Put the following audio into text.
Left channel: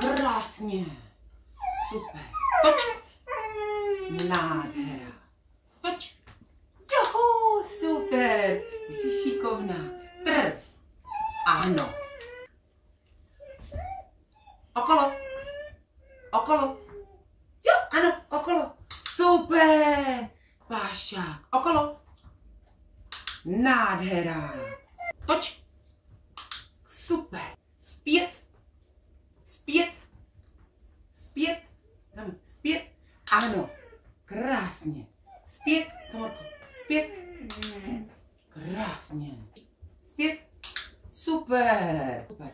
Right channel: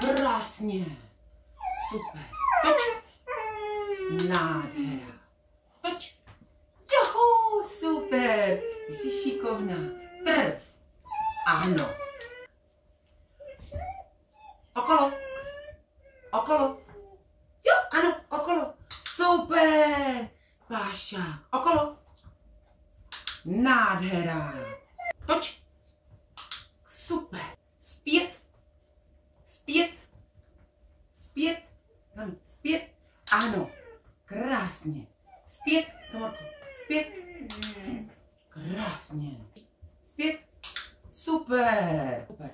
Krásně. Super. Toč. Nádhera. Toč. Joho, super. Ty jsi šikovná. Ano. Okolo. Okolo. Jo, ano, okolo. Super. Pášák. Okolo. Nádhera. Toč. Super. Zpět. Zpět. Zpět. Tam, zpět. Ano. Krásně. Zpět. Kamorko. Zpět. Krásně. Zpět. Super. Super.